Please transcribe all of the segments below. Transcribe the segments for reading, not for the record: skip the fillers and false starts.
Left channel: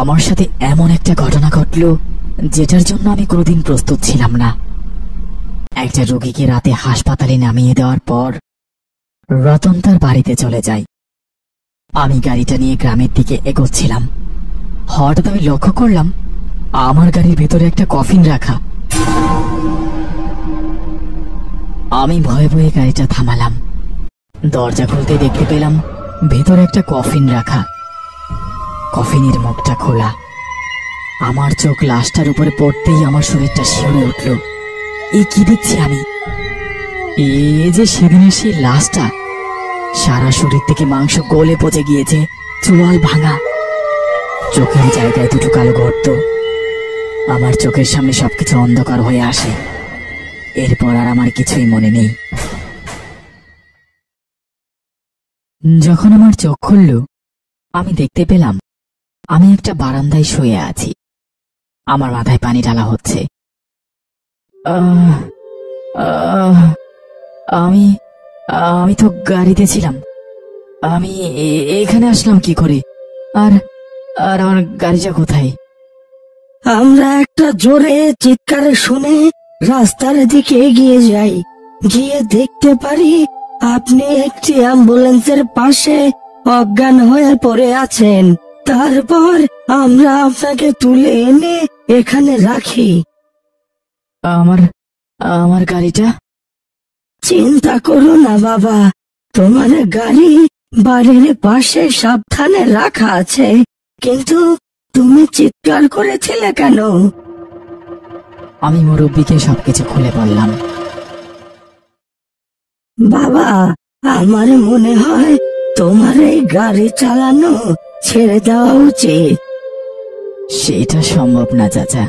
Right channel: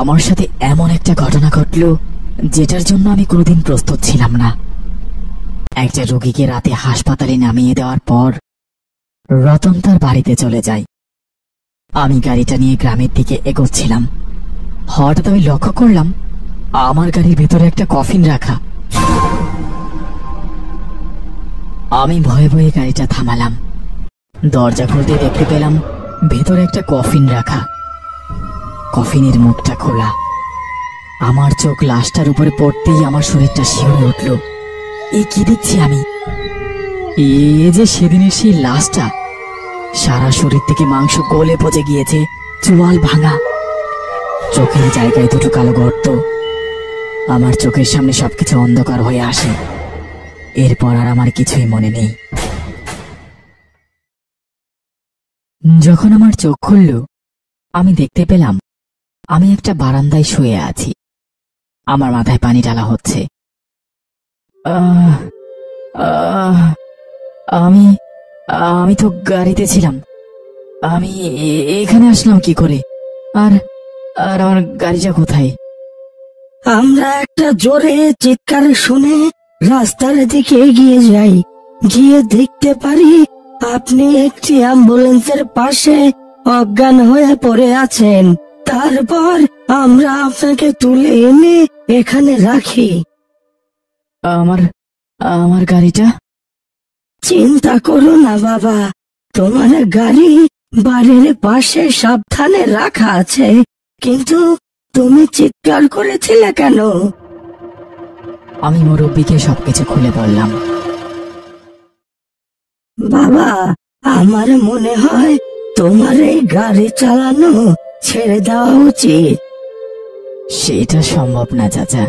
আমার সাথে এমন একটা ঘটনা ঘটলো যেটার জন্য আমি কোনোদিন প্রস্তুত ছিলাম না। একটা রোগীকে রাতে হাসপাতালে নামিয়ে দেওয়ার পর রতন তার বাড়িতে চলে যায়। আমি গাড়িটা নিয়ে গ্রামের দিকে এগোচ্ছিলাম। হঠাৎ আমি লক্ষ্য করলাম আমার গাড়ির ভেতরে একটা কফিন রাখা। আমি ভয়ে ভয়ে গাড়িটা থামালাম। দরজা খুলতে দেখতে পেলাম ভেতরে একটা কফিন রাখা। কফিনের মুখটা খোলা। আমার চোখ লাশটার উপরে পড়তেই আমার শরীরটা শিহরে উঠল। কি দেখছি আমি? যে সেদিনের সেই লাশটা। সারা শরীর থেকে মাংস গলে পচে গিয়েছে, চোয়াল ভাঙা, চোখের জায়গায় দুটো কালো গর্ত। আমার চোখের সামনে সবকিছু অন্ধকার হয়ে আসে। এরপর আর আমার কিছুই মনে নেই। যখন আমার চোখ খুলল, আমি দেখতে পেলাম আমি একটা বারান্দায় শুয়ে আছি। আমার মাথায় পানি ঢালা হচ্ছে। আমি আমি তো গাড়িতে ছিলাম। আমি এখানে আসলাম কি করে? আর আর আমার গাড়িটা কোথায়? আমরা একটা জোরে চিৎকার শুনে রাস্তার দিকে এগিয়ে যাই। গিয়ে দেখতে পারি আপনি একটি অ্যাম্বুলেন্সের পাশে অজ্ঞান হয়ে পড়ে আছেন। তারপর আমরা আপনাকে তুলে এনে এখানে রাখি। আমার আমার গাড়িটা? চিন্তা করো না বাবা, তোমার গাড়ি বাড়ির পাশে সাবধানে রাখা আছে। কিন্তু তুমি চিৎকার করেছিলে কেন? আমি মুরব্বীকে সবকিছু খুলে বললাম। বাবা, আমার মনে হয় তোমার এই গাড়ি চালানো ছেড়ে দেওয়া উচিত। সেটা সম্ভব না চাচা।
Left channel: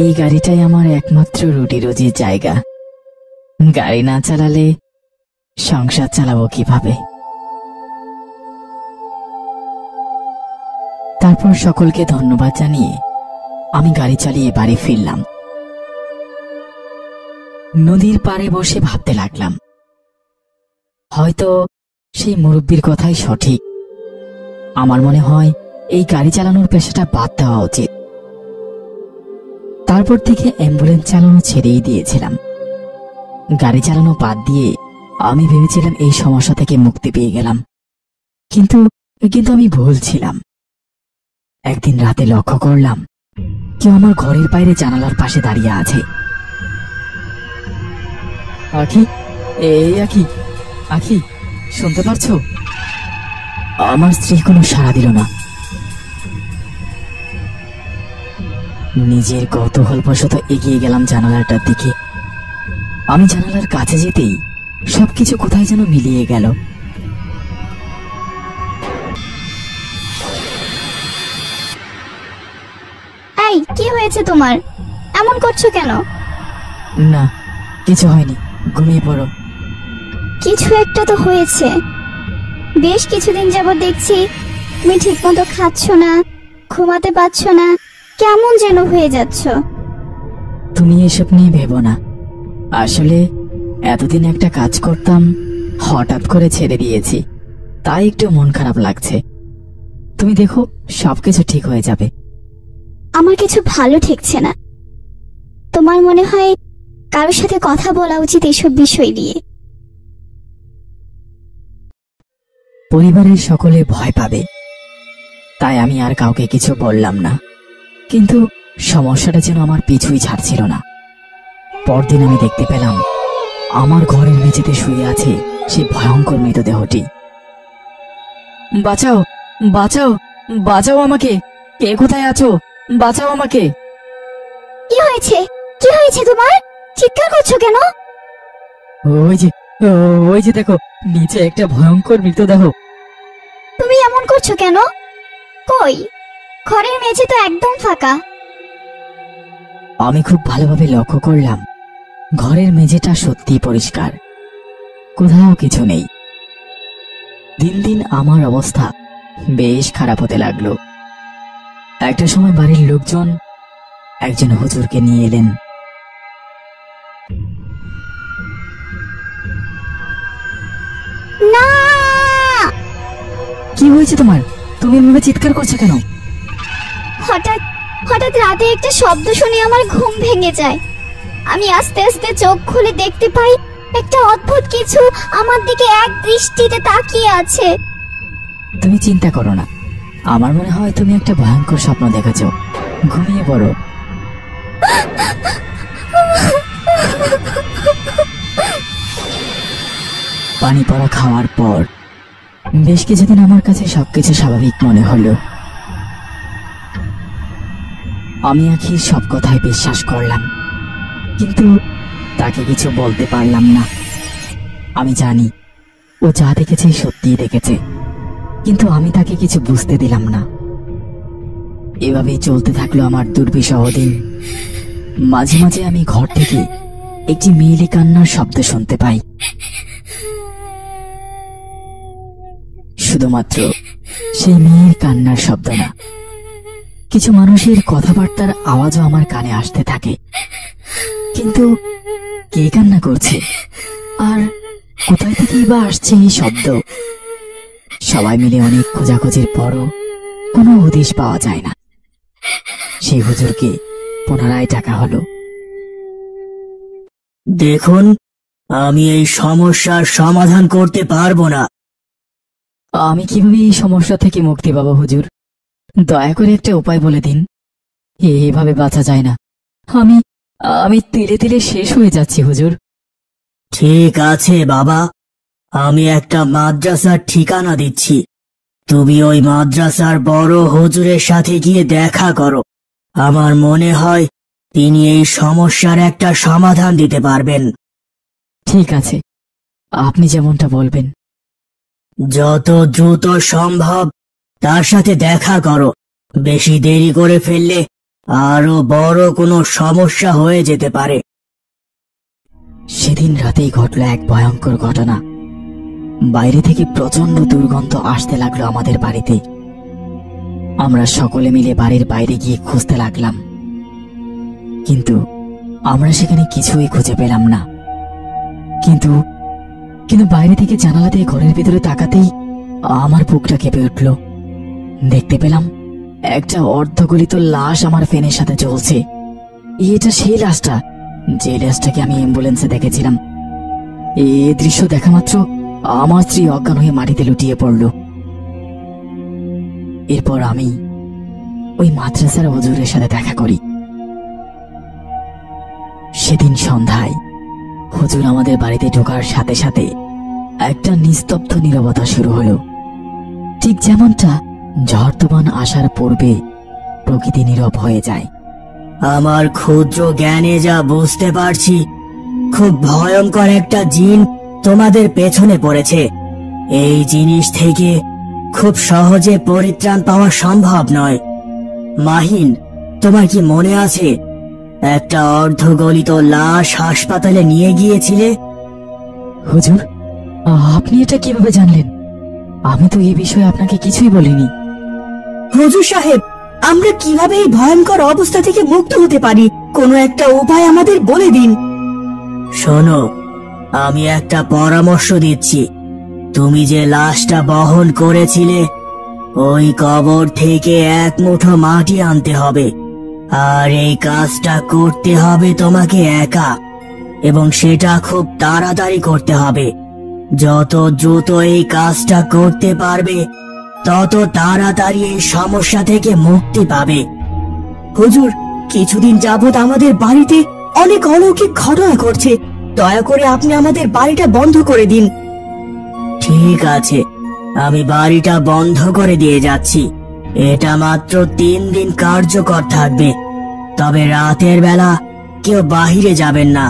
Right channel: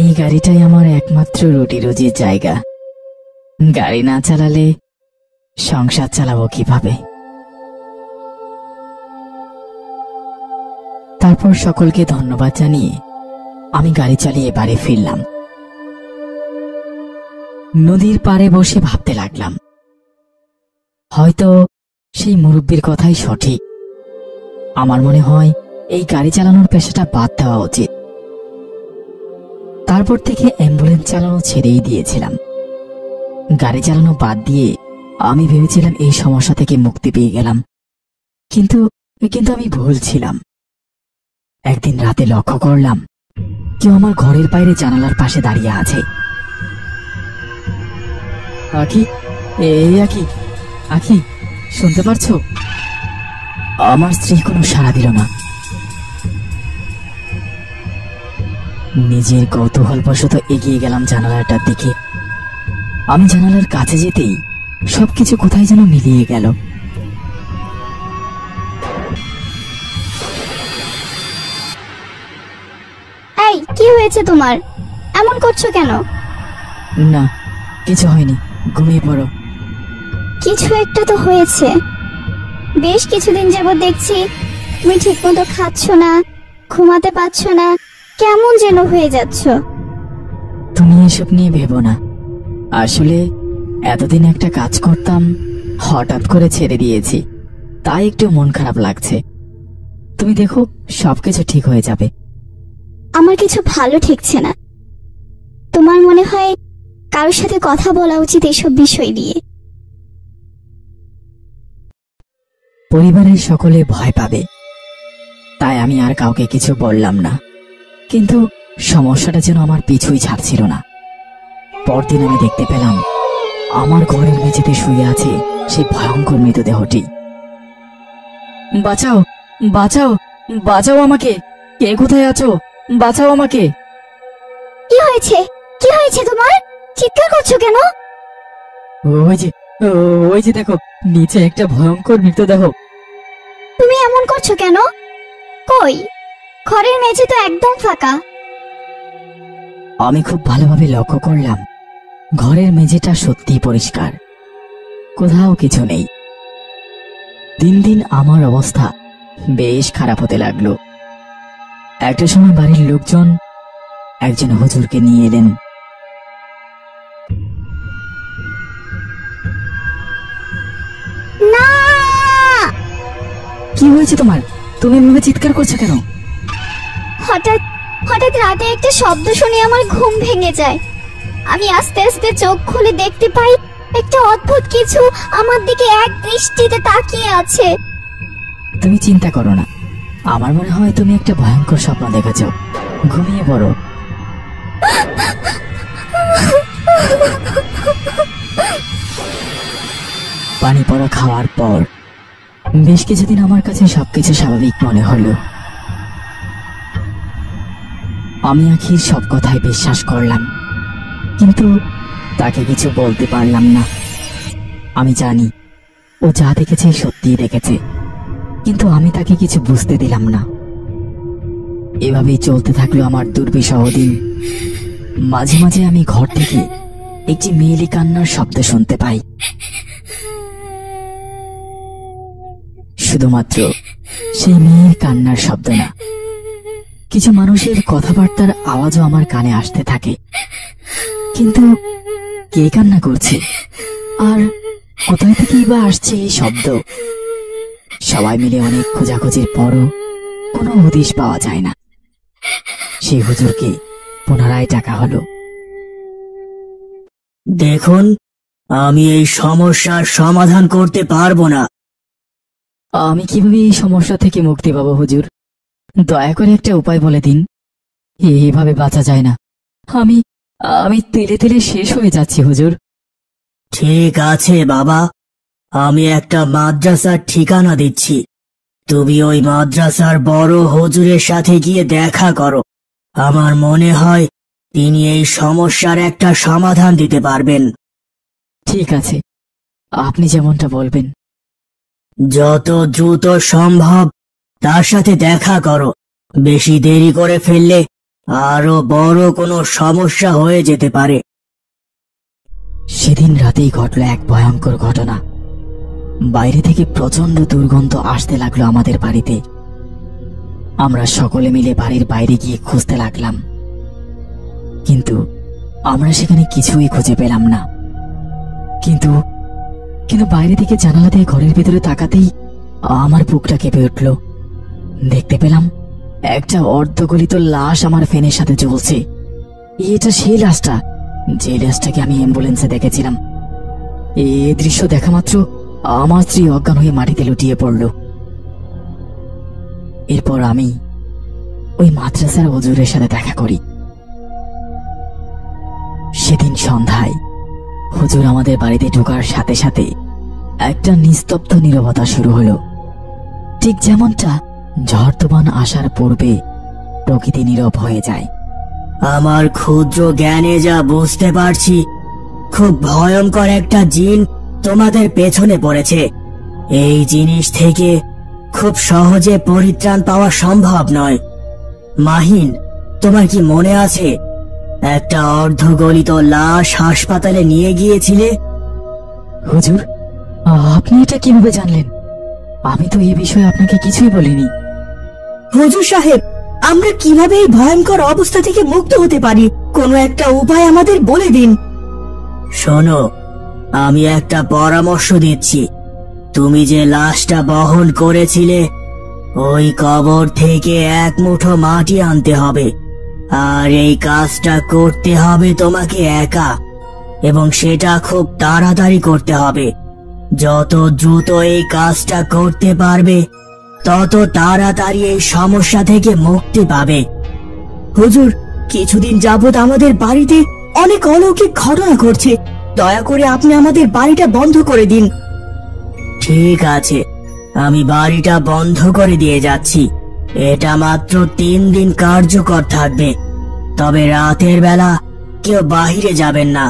এই গাড়িটাই আমার একমাত্র রুটি রুজির জায়গা। গাড়ি না চালালে সংসার চালাবো কিভাবে? তারপর সকলকে ধন্যবাদ জানিয়ে আমি গাড়ি চালিয়ে বাড়ি ফিরলাম। নদীর পাড়ে বসে ভাবতে লাগলাম, হয়তো সেই মুরব্বির কথাই সঠিক। আমার মনে হয় এই গাড়ি চালানোর পেশাটা বাদ দেওয়া উচিত। তারপর থেকে অ্যাম্বুলেন্স চালানো ছেড়েই দিয়েছিলাম। গাড়ি চালানো বাদ দিয়ে আমি ভেবেছিলাম এই সমস্যা থেকে মুক্তি পেয়ে গেলাম। কিন্তু কিন্তু আমি ভুল ছিলাম। একদিন রাতে লক্ষ্য করলাম কেউ আমার ঘরের বাইরে জানালার পাশে দাঁড়িয়ে আছে। আখি, এই আখি, আখি, শুনতে পারছো? আমার স্ত্রী কোনো সাড়া দিল না। নিজের কৌতূহলবশত এগিয়ে গেলাম জানালাটার দিকে। আমি জানালার কাছে যেতেই সবকিছু কোথায় যেন মিলিয়ে গেল। এই, কি হয়েছে তোমার? এমন করছো কেন? না, কিছু হয়নি, ঘুমিয়ে পড়ো। কিছু একটা তো হয়েছে। বেশ কিছুদিন যাবত দেখছি তুমি ঠিক মতো খাচ্ছ না, ঘুমাতে পারছো না, কেমন যেন হয়ে যাচ্ছ। তুমি এসব নিয়ে ভেবো না। আসলে এতদিন একটা কাজ করতাম, হঠাৎ করে ছেড়ে দিয়েছি, তাই একটু মন খারাপ লাগছে। তুমি দেখো, সবকিছু ঠিক হয়ে যাবে। আমার কিছু ভালো ঠেকছে না। তোমার মনে হয় কারোর সাথে কথা বলা উচিত এসব বিষয় নিয়ে। পরিবারের সকলে ভয় পাবে, তাই আমি আর কাউকে কিছু বললাম না। কিন্তু সমস্যাটা যেন আমার পিছুই ছাড়ছিল না। পরদিন আমি দেখতে পেলাম আমার ঘরের মেঝেতে শুয়ে আছে সেই ভয়ঙ্কর মৃতদেহটি। বাঁচাও, বাঁচাও, বাঁচাও আমাকে! কে কোথায় আছো? বাঁচাও আমাকে! কি হয়েছে? কি হয়েছে তোমার? চিৎকার করছো কেন? ওই যে দেখো, নিচে একটা ভয়ঙ্কর মৃতদেহ। তুমি এমন করছো কেন? কই, ঘরের মেঝে তো একদম ফাঁকা। আমি খুব ভালোভাবে লক্ষ্য করলাম ঘরের মেঝেটা সত্যি পরিষ্কার, কোথাও কিছু নেই। দিন দিন আমার অবস্থা বেশ খারাপ হতে লাগলো। একটা সময় বাড়ির লোকজন একজন হুজুরকে নিয়ে এলেন। না! কি হয়েছে তোমার? তুমি এভাবে চিৎকার করছো কেন? হঠাৎ হঠাৎ রাতে একটা শব্দ শুনে আমার ঘুম ভেঙে যায়। আমি আস্তে আস্তে চোখ খুলে দেখতে পাই একটা অদ্ভুত কিছু আমার দিকে এক দৃষ্টিতে তাকিয়ে আছে। তুমি চিন্তা করো না, আমার মনে হয় তুমি একটা ভয়ঙ্কর স্বপ্ন দেখেছ। ঘুমিয়ে পড়ো। পানি পড়া খাওয়ার পর বেশ কিছুদিন আমার কাছে সবকিছু স্বাভাবিক মনে হলো। আমি আখির সব কথায় বিশ্বাস করলাম, কিন্তু তাকে কিছু বলতে পারলাম না। আমি জানি ও যা দেখেছে সত্যিই দেখেছে, কিন্তু আমি তাকে কিছু বুঝতে দিলাম না। এভাবেই চলতে থাকলো আমার দুর্বিষহ দিন। মাঝে মাঝে আমি ঘর থেকে একটি মেয়েলি কান্নার শব্দ শুনতে পাই। শুধুমাত্র সেই মেয়ের কান্নার শব্দ না, কিছু মানুষের কথাবার্তার আওয়াজও আমার কানে আসতে থাকে। কিন্তু কে কান্না করছে আর কোথায় থেকেই বা আসছে এই শব্দ? সবাই মিলে অনেক খোঁজাখুঁজির পরও কোনো হদিশ পাওয়া যায় না। সেই হুজুরকে পুনরায় ডাকা হলো। দেখুন, আমি এই সমস্যার সমাধান করতে পারবো না। আমি কিভাবে এই সমস্যা থেকে মুক্তি পাবো হুজুর? দয়া করে একটা উপায় বলে দিন। এইভাবে বাঁচা যায় না। আমি আমি তেলে তেলে শেষ হয়ে যাচ্ছি হুজুর। ঠিক আছে বাবা, আমি একটা মাদ্রাসার ঠিকানা দিচ্ছি। তুমি ওই মাদ্রাসার বড় হুজুরের সাথে গিয়ে দেখা করো। আমার মনে হয় তিনি এই সমস্যার একটা সমাধান দিতে পারবেন। ঠিক আছে, আপনি যেমনটা বলবেন। যত দ্রুত সম্ভব তার সাথে দেখা করো। বেশি দেরি করে ফেললে আরো বড় কোনো সমস্যা হয়ে যেতে পারে। সেদিন রাতেই ঘটল এক ভয়ঙ্কর ঘটনা। বাইরে থেকে প্রচন্ড দুর্গন্ধ আসতে লাগলো আমাদের বাড়িতে। আমরা সকলে মিলে বাড়ির বাইরে গিয়ে খুঁজতে লাগলাম, কিন্তু আমরা সেখানে কিছুই খুঁজে পেলাম না। কিন্তু বাইরে থেকে জানালা দিয়ে ঘরের ভিতরে তাকাতেই আমার বুকটা কেঁপে উঠল। দেখতে পেলাম একটা অর্ধগলিত লাশ আমার ফ্যানের সাথে চলছে। এটা সেই লাশটা যে লাশটাকে আমি অ্যাম্বুলেন্সে দেখেছিলাম। এই দৃশ্য দেখা মাত্র আমার স্ত্রী অজ্ঞান হয়ে মাটিতে লুটিয়ে পড়ল। এরপর আমি ওই মাদ্রাসার হুজুরের সাথে দেখা করি। সেদিন সন্ধ্যায় হুজুর আমাদের বাড়িতে ঢোকার সাথে সাথে একটা নিস্তব্ধ নীরবতা শুরু হলো। ঠিক যেমনটা ঝড় তুফান আসার পূর্বে প্রকৃতি নীরব হয়ে যায়। আমার ক্ষুদ্র জ্ঞানে যা বুঝতে পারছি, খুব ভয়ঙ্কর একটা জিন তোমাদের পেছনে পড়েছে। এই জিনিস থেকে খুব সহজে পরিত্রাণ পাওয়া সম্ভব নয়। মাহিন, তোমার কি মনে আছে একটা অর্ধগলিত লাশ হাসপাতালে নিয়ে গিয়েছিলে? হুজুর, আপনি এটা কিভাবে জানলেন? আমি তো এই বিষয়ে আপনাকে কিছুই বলিনি। হুজুর সাহেব, আমরা কিভাবে এই ভয়ঙ্কর অবস্থা থেকে মুক্ত হতে পারি? কোনো একটা উপায় আমাদের বলে দিন। শোনো, আমি একটা পরামর্শ দিচ্ছি। তুমি যে লাশটা বহন করেছিলে, ওই কবর থেকে এক মুঠো মাটি আনতে হবে। আর এই কাজটা করতে হবে তোমাকে একা, এবং সেটা খুব তাড়াতাড়ি করতে হবে। যত দ্রুত এই কাজটা করতে পারবে, তত তাড়াতাড়ি এই সমস্যা থেকে মুক্তি পাবে। হুজুর, কিছুদিন যাবত আমাদের বাড়িতে অনেক অলৌকিক ঘটনা ঘটছে। দয়া করে আপনি আমাদের বাড়িটা বন্ধ করে দিন। ঠিক আছে, আমি বাড়িটা বন্ধ করে দিয়ে যাচ্ছি। এটা মাত্র 3 দিন কার্যকর থাকবে, তবে রাতের বেলা কেউ বাহিরে যাবেন না।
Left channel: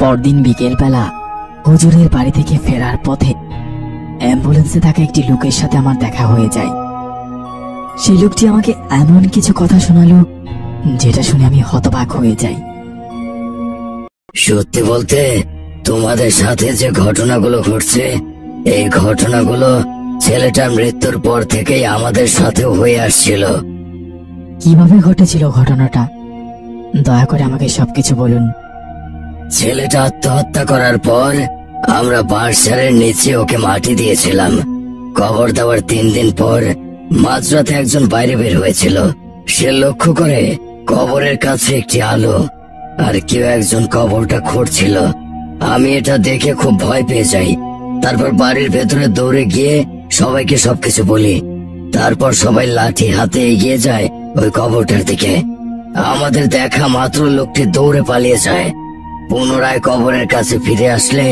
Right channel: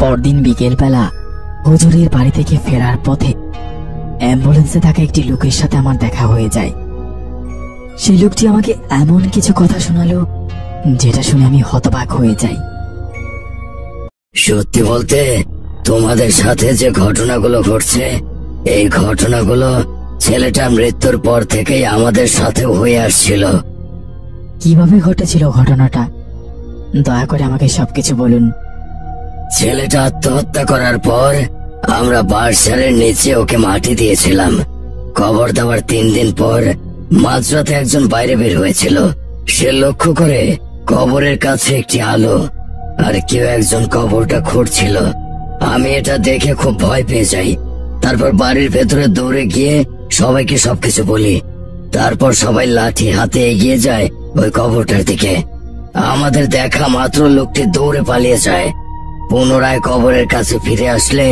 পরদিন বিকেল বেলা হুজুরের বাড়ি থেকে ফেরার পথে অ্যাম্বুলেন্সে থাকা একটি লোকের সাথে আমার দেখা হয়ে যায়। সেই লোকটি আমাকে এমন কিছু কথা শোনালো যেটা শুনে আমি হতবাক হয়ে যাই। সত্যি বলতে, তোমাদের সাথে যে ঘটনাগুলো ঘটছে, এই ঘটনাগুলো ছেলেটার মৃত্যুর পর থেকেই আমাদের সাথে হয়ে আসছিল। কিভাবে ঘটেছিল ঘটনাটা? দয়া করে আমাকে সবকিছু বলুন। ছেলেটা আত্মহত্যা করার পর আমরা বার্সারের নিচে ওকে মাটি দিয়েছিলাম। কবর দেওয়ার 3 দিন পর মাঝরাতে একজন বাইরে বের হয়েছিল। সে লক্ষ্য করে কবরের কাছে একটি আলো আর কেউ একজন কবরটা খুঁড়ছিল। আমি এটা দেখে খুব ভয় পেয়ে যাই। তারপর বাড়ির ভেতরে দৌড়ে গিয়ে সবাইকে সবকিছু বলি। তারপর সবাই লাঠি হাতে এগিয়ে যায় ওই কবরটার দিকে। আমাদের দেখা মাত্র লোকটি দৌড়ে পালিয়ে যায়। পুনরায় কবরের কাছে ফিরে আসলে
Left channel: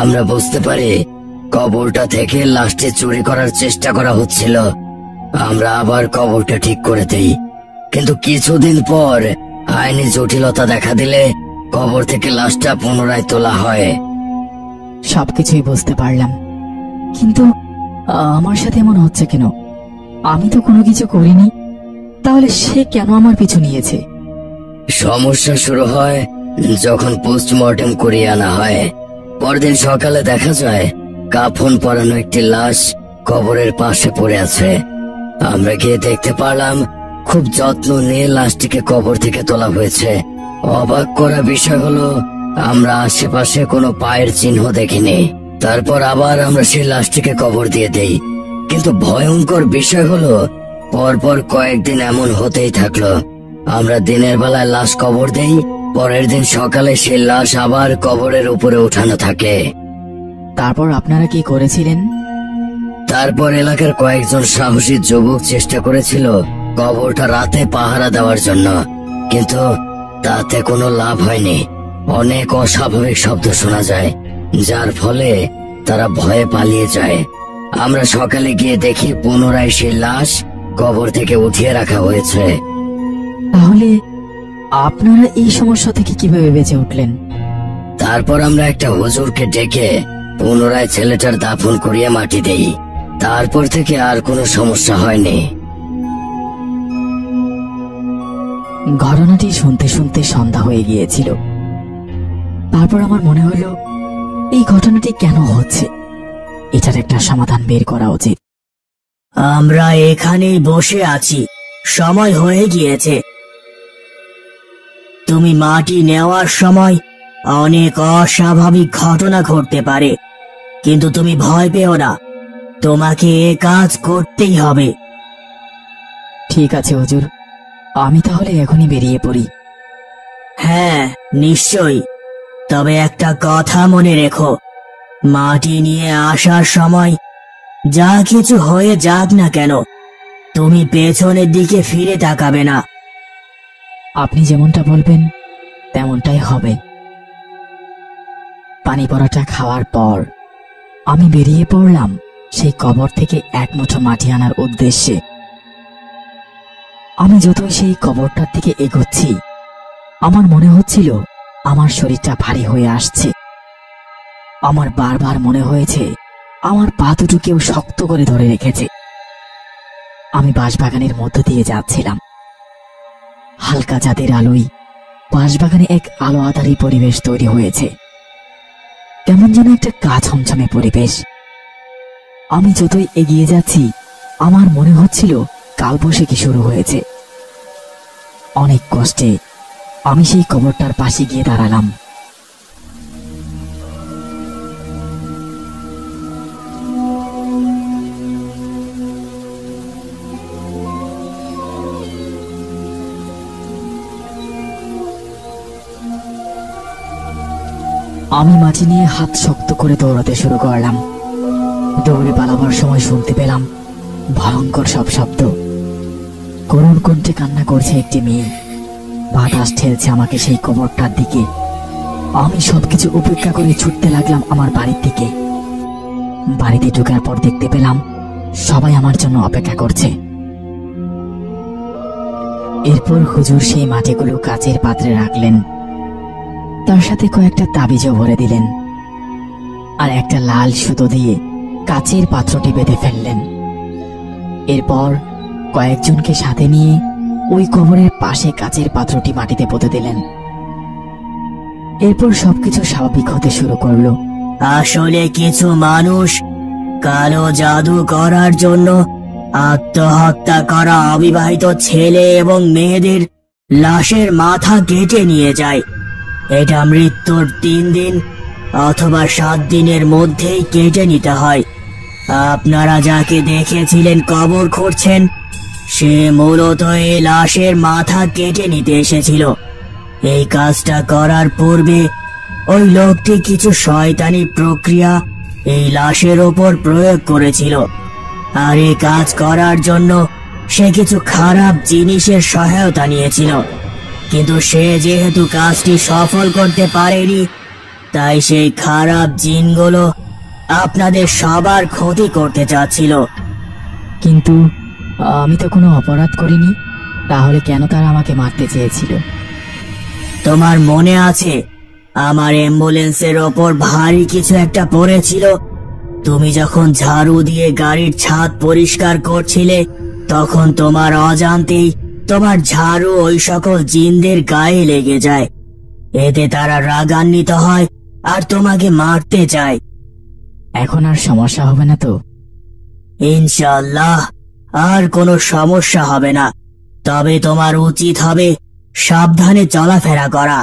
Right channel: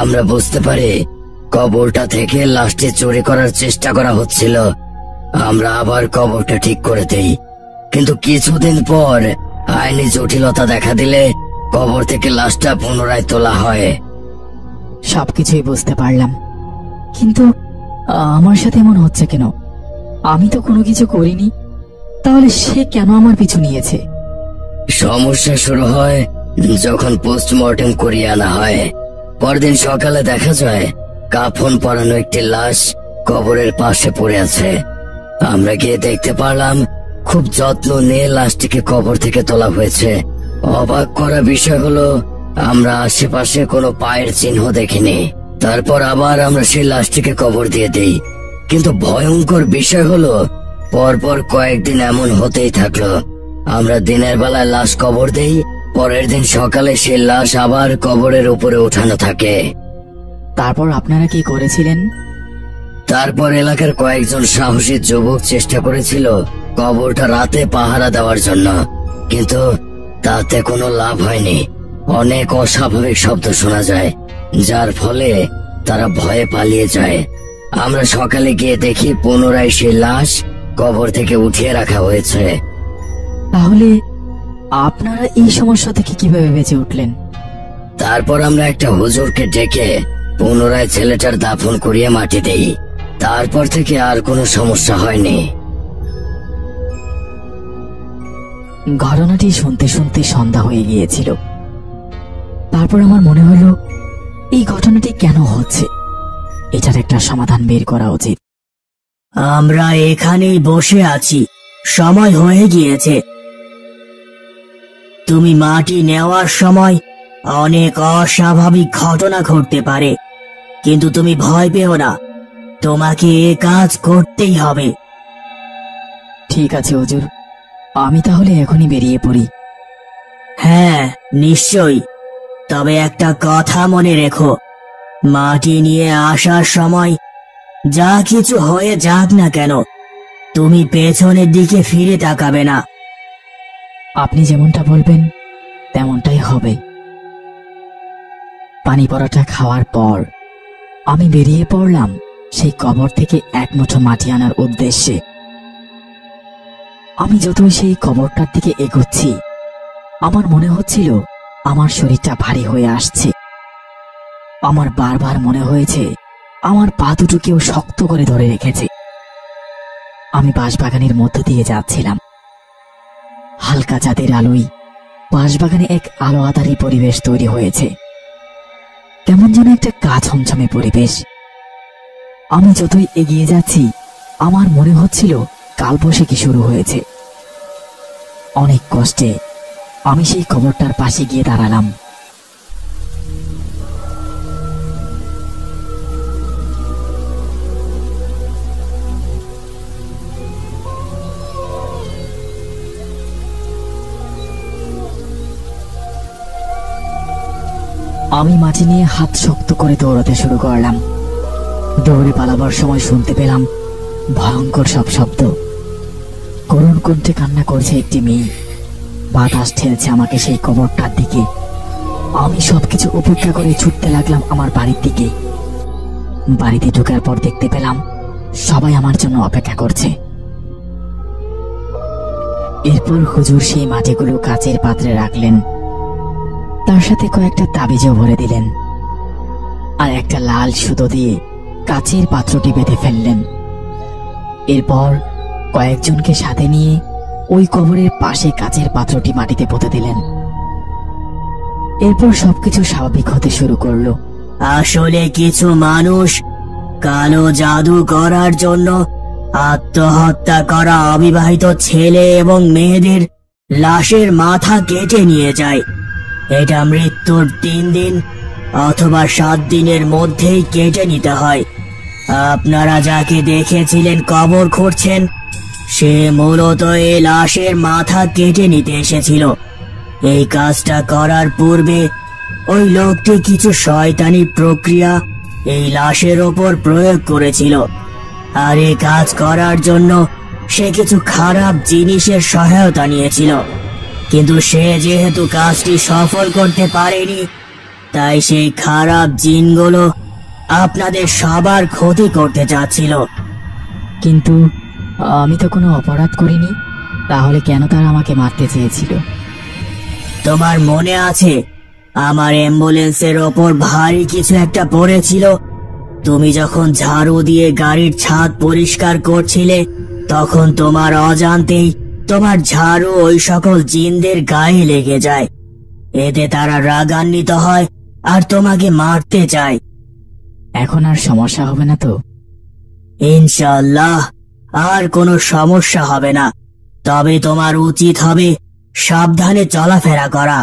আমরা বুঝতে পারি কবরটা থেকে লাশটি চুরি করার চেষ্টা করা হচ্ছিল। আমরা আবার কবরটা ঠিক করে দেই, কিন্তু কিছুদিন পর আইনি জটিলতা দেখা দিলে কবর থেকে লাশটা পুনরায় তোলা হয়। সবকিছুই বুঝতে পারলাম, কিন্তু আমার সাথে এমন হচ্ছে কেন? আমি তো কোনো কিছু করিনি, তাহলে সে কেন আমার পিছু নিয়েছে? সমস্যা শুরু হয় যখন পোস্টমর্টেম করিয়ে আনা হয়। পরদিন সকালে দেখা যায় কাফন পরানো একটি লাশ কবরের পাশে পড়ে আছে। আমরা গিয়ে দেখতে পারলাম খুব যত্ন নিয়ে লাশটিকে কবর থেকে তোলা হয়েছে। অবাক করা বিষয় হলো আমরা আশেপাশে কোনো পায়ের চিহ্ন দেখিনি। তারপর আবার আমরা সেই লাশটিকে কবর দিয়ে দেই, কিন্তু ভয়ঙ্কর বিষয় হলো পরপর কয়েকদিন এমন হতেই থাকলো। আমরা দিনের বেলায় লাশ কবর দেই, পরের দিন সকালে সেই লাশ আবার কবরের উপরে উঠানো থাকে। তারপর আপনারা কি করেছিলেন? তারপর এলাকার কয়েকজন সাহসী যুবক চেষ্টা করেছিল কবরটা রাতে পাহারা দেওয়ার জন্য, কিন্তু তাতে কোনো লাভ হয়নি। অনেক অস্বাভাবিক শব্দ শোনা যায়, যার ফলে তারা ভয়ে পালিয়ে যায়। আমরা সকালে গিয়ে দেখি পুনরায় সেই লাশ কবর থেকে উঠিয়ে রাখা হয়েছে। তাহলে আপনারা এই সমস্যা থেকে কিভাবে বেঁচে উঠলেন? তারপর আমরা একটা হুজুরকে ডেকে পুনরায় ছেলেটার দাফন করিয়ে মাটি দেই। তারপর থেকে আর কোনো সমস্যা হয়নি। ঘটনাটি শুনতে শুনতে সন্ধ্যা হয়ে গিয়েছিল। তারপর আমার মনে হলো এই ঘটনাটি কেন হচ্ছে, এটার একটা সমাধান বের করা উচিত। আমরা এখানেই বসে আছি, সময় হয়ে গিয়েছে। তুমি মাটি নেওয়ার সময় অনেক অস্বাভাবিক ঘটনা ঘটতে পারে, কিন্তু তুমি ভয় পেও না, তোমাকে এ কাজ করতেই হবে। ঠিক আছে হুজুর, আমি তাহলে এখনই বেরিয়ে পড়ি। হ্যাঁ নিশ্চয়ই, তবে একটা কথা মনে রেখো, মাটি নিয়ে আসার সময় যা কিছু হয়ে যাক না কেন, তুমি পেছনের দিকে ফিরে তাকাবে না। আপনি যেমনটা বলবেন তেমনটাই হবে। পানি পড়াটা খাওয়ার পর আমি বেরিয়ে পড়লাম সেই কবর থেকে এক মুঠো মাটি আনার উদ্দেশ্যে। আমি যতই সেই কবরটার দিকে এগোচ্ছি, আমার মনে হচ্ছিল আমার শরীরটা ভারী হয়ে আসছে। আমার বারবার মনে হয়েছে আমার পা দুটো কেউ শক্ত করে ধরে রেখেছে। আমি বাঁশবাগানের মধ্য দিয়ে যাচ্ছিলাম। হালকা চাঁদের আলোয় বাঁশবাগানে এক আলো আঁধারি পরিবেশ তৈরি হয়েছে, কেমন যেন একটা গা ছমছমে পরিবেশ। আমি যতই এগিয়ে যাচ্ছি, আমার মনে হচ্ছিল কালবৈশাখী শুরু হয়েছে। অনেক কষ্টে আমি সেই কবরটার পাশে গিয়ে দাঁড়ালাম। আমি মাটি নিয়ে হাত শক্ত করে দৌড়াতে শুরু করলাম। দৌড়ে পালাবার সময় শুনতে পেলাম ভয়ঙ্কর সব শব্দ। করুণ কণ্ঠে কান্না করছে একটি মেয়ে। বাতাস ঠেলছে আমাকে সেই কবরটার দিকে। আমি সবকিছু উপেক্ষা করে ছুটতে লাগলাম আমার বাড়ির দিকে। বাড়িতে ঢোকার পর দেখতে পেলাম সবাই আমার জন্য অপেক্ষা করছে। এরপর হুজুর সেই মাটিগুলো কাচের পাত্রে রাখলেন, তার সাথে কয়েকটা তাবিজও ভরে দিলেন, আর একটা লাল সুতো দিয়ে কাচের পাত্রটি বেঁধে ফেললেন। এরপর কয়েকজনকে সাথে নিয়ে ওই কবরের পাশে কাচের পাত্রটি মাটিতে পুঁতে দিলেন। এরপর সবকিছু স্বাভাবিক হতে শুরু করলো। আসলে কিছু মানুষ কালো জাদু করার জন্য আত্মহত্যা করা অবিবাহিত ছেলে এবং মেয়েদের লাশের মাথা কেটে নিয়ে যায়। এটা মৃত্যুর 3 দিন অথবা 7 দিনের মধ্যেই কেটে নিতে হয়। আপনারা যাকে দেখেছিলেন কবর খুঁড়ছেন, সে মূলত এই লাশের মাথা কেটে নিতে এসেছিল। এই কাজটা করার পূর্বে ওই লোকটি কিছু শয়তানি প্রক্রিয়া এই লাশের ওপর প্রয়োগ করেছিল, আর এই কাজ করার জন্য সে কিছু খারাপ জিনিসের সহায়তা নিয়েছিল। কিন্তু সে যেহেতু কাজটি সফল করতে পারেনি, তাই সেই খারাপ জিনগুলো আপনাদের সবার ক্ষতি করতে চাচ্ছিল। কিন্তু আমি তো কোনো অপরাধ করিনি, তাহলে কেন তারা আমাকে মারতে চেয়েছিল? তোমার মনে আছে আমার অ্যাম্বুলেন্সের ওপর ভারী কিছু একটা পড়েছিল? তুমি যখন ঝাড়ু দিয়ে গাড়ির ছাদ পরিষ্কার করছিলে, তখন তোমার অজান্তেই তোমার ঝাড়ু ওই সকল জিনদের গায়ে লেগে যায়। এতে তারা রাগান্বিত হয় আর তোমাকে মারতে চায়। এখন আর সমস্যা হবে না তো? ইনশাআল্লাহ আর কোনো সমস্যা হবে না। তবে তোমার উচিত হবে সাবধানে চলাফেরা করা।